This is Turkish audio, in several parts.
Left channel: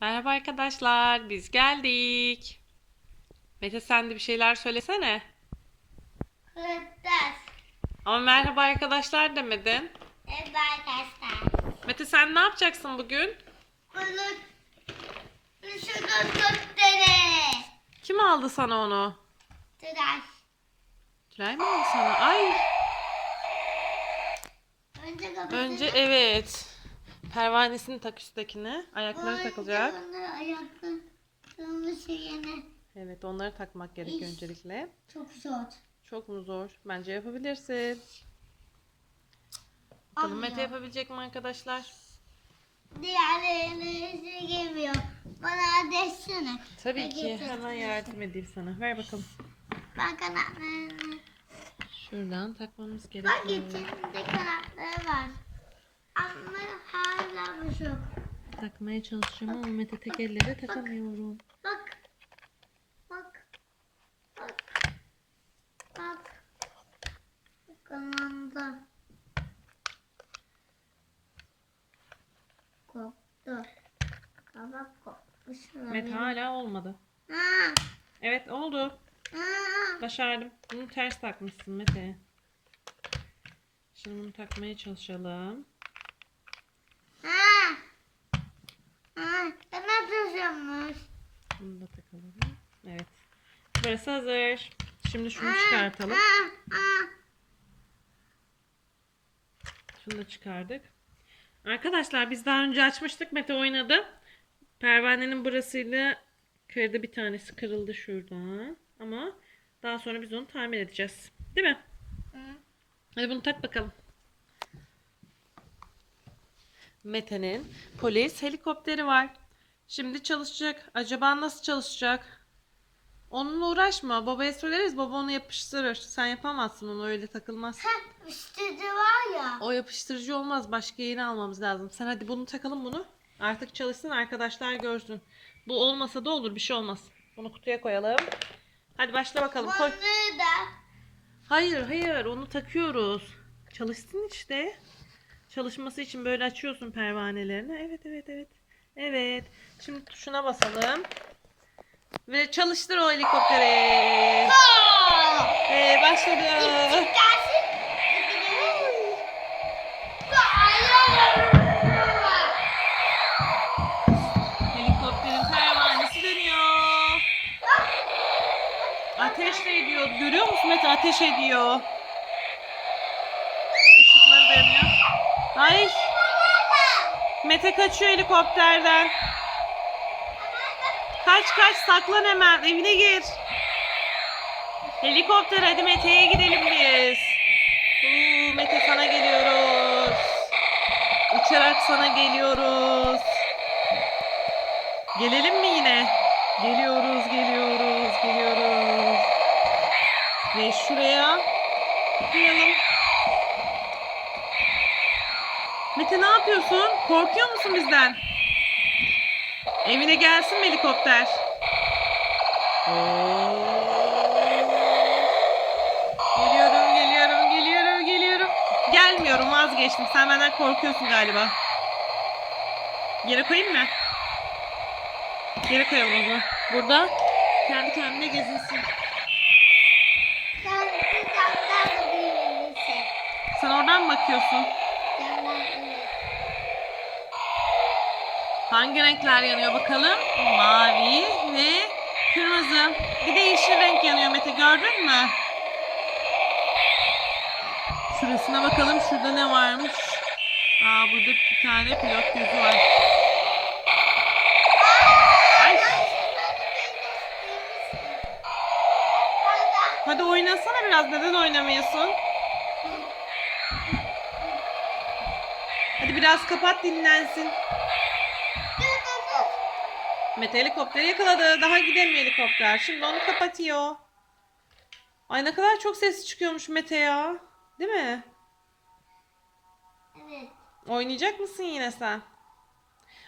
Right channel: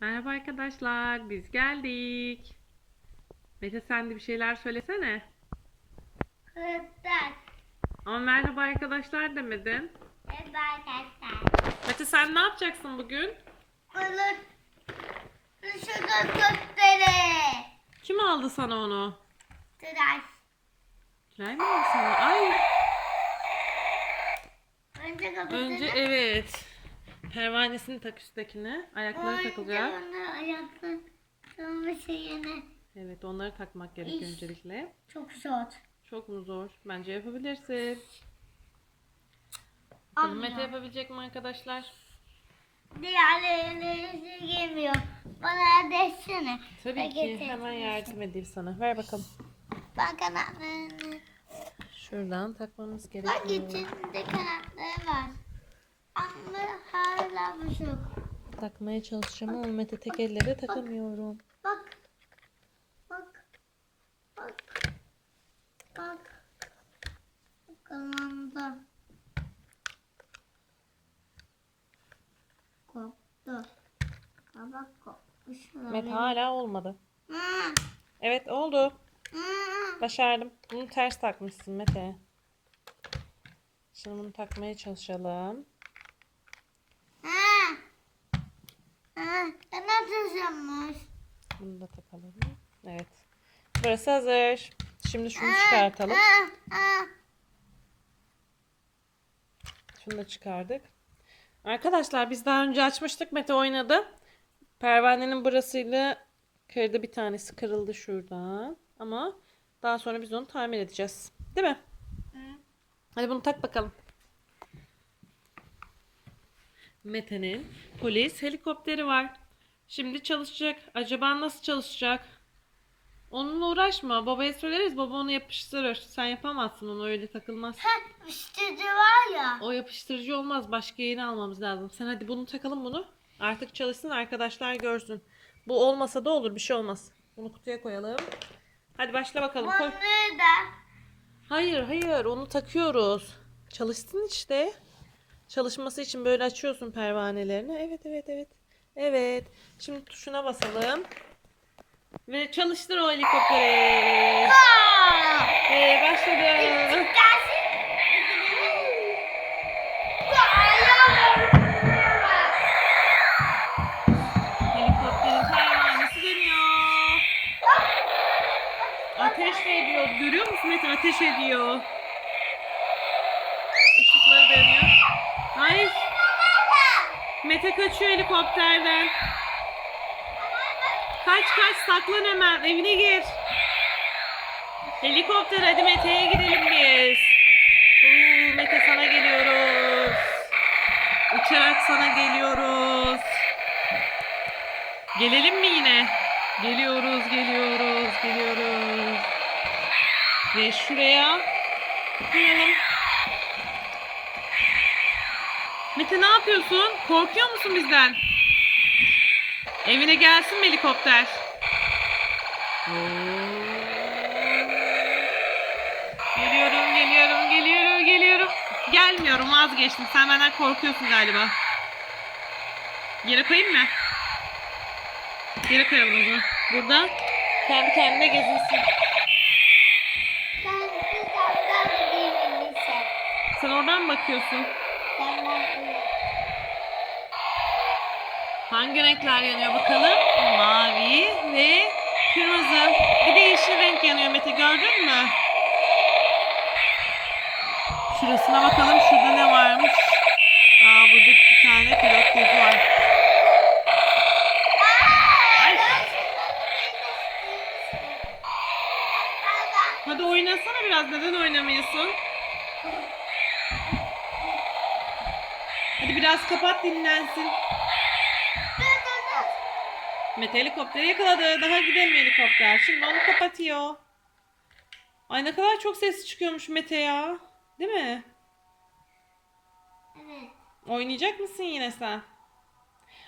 Merhaba arkadaşlar, biz geldik. Mete sen de bir şeyler söylesene. Kırtas. Ama merhaba arkadaşlar demedin. Merhaba arkadaşlar. Mete sen ne yapacaksın bugün? Bulut. Şurada tuttere. Kim aldı sana onu? Tıraş. Tülay mı aldı sana? Ay, Önce kapatını. önce evet. Pervanesini tak üsttekine. Ayakları takılacak. Önce ayakları. Sonra şeyine. Evet, onları takmak gerekiyor İş. öncelikle. Çok zor. Çok mu zor? Bence yapabilirsin. Bakalım Ama Mete ya. yapabilecek mi arkadaşlar? Diğerlerine gelmiyor. Bana desene. Tabii Ben ki. getirdim. Hemen yardım edeyim sana. Ver bakalım. Ben kanatlarını. Şuradan takmamız Bak gerekiyor. içinde kanatları var. Ama bozuk. Takmaya çalışacağım ama Mete tek elle takamıyorum. Bak. Bak. Bak. Bak. Kananda. Koptu. Kabak kopmuş. Mete hala olmadı. Ha. Evet oldu. Ha. Başardım. Bunu ters takmışsın Mete. Şimdi bunu takmaya çalışalım. Ha. Ha. Ben atacağımmış. Takalım. Evet. Burası hazır. Şimdi şunu çıkartalım. Şunu da çıkardık. Arkadaşlar biz daha önce açmıştık. Mete oynadı. Pervanenin burasıyla kırdı bir tanesi kırıldı şuradan. Ama daha sonra biz onu tamir edeceğiz. Değil mi? Hı. Hadi bunu tak bakalım. Mete'nin polis helikopteri var. Şimdi çalışacak. Acaba nasıl çalışacak? Onunla uğraşma. Babaya söyleriz. Baba onu yapıştırır. Sen yapamazsın onu öyle takılmaz. Ha. Üstücü var ya. O yapıştırıcı olmaz. Başka yeni almamız lazım. Sen hadi bunu takalım bunu. Artık çalışsın arkadaşlar görsün. Bu olmasa da olur bir şey olmaz. Bunu kutuya koyalım. Hadi başla bakalım koy. Bunu da. Hayır hayır onu takıyoruz. Çalışsın işte. Çalışması için böyle açıyorsun pervanelerini. Evet evet evet. Evet. Şimdi tuşuna basalım. Ve çalıştır o helikopteri. Ee, başladı. Helikopterin pervanesi dönüyor. Ateş de ediyor. Görüyor musun Mete? Ateş ediyor. Işıkları da yanıyor. Ay. Mete kaçıyor helikopterden. Kaç kaç saklan hemen. Evine gir. Helikopter hadi Mete'ye gidelim biz. Uuu, Mete sana geliyoruz. Uçarak sana geliyoruz. Gelelim mi yine? Geliyoruz, geliyoruz, geliyoruz. Ve şuraya koyalım. Mete ne yapıyorsun? Korkuyor musun bizden? Evine gelsin mi helikopter? Oo. Geliyorum, geliyorum, geliyorum, geliyorum. Gelmiyorum, vazgeçtim. Sen benden korkuyorsun galiba. Yere koyayım mı? Yere koyalım o zaman. Burada kendi kendine gezinsin. Ben. Sen oradan mı bakıyorsun? Hangi renkler yanıyor bakalım? Mavi ve kırmızı. Bir de yeşil renk yanıyor Mete gördün mü? Şurasına bakalım şurada ne varmış? Aa burada bir tane pilot gözü var. Ay, hadi oynasana biraz neden oynamıyorsun? Hadi biraz kapat dinlensin. Mete helikopteri yakaladı. Daha gidemiyor helikopter. Şimdi onu kapatıyor. Ay ne kadar çok ses çıkıyormuş Mete ya. Değil mi? Evet. Oynayacak mısın yine sen?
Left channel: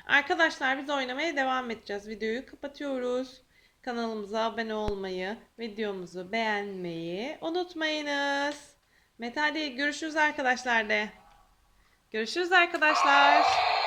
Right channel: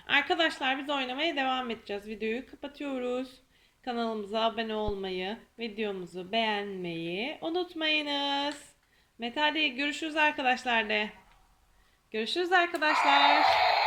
Arkadaşlar biz oynamaya devam edeceğiz. Videoyu kapatıyoruz. Kanalımıza abone olmayı, videomuzu beğenmeyi unutmayınız. Mete hadi görüşürüz arkadaşlar de. Görüşürüz arkadaşlar.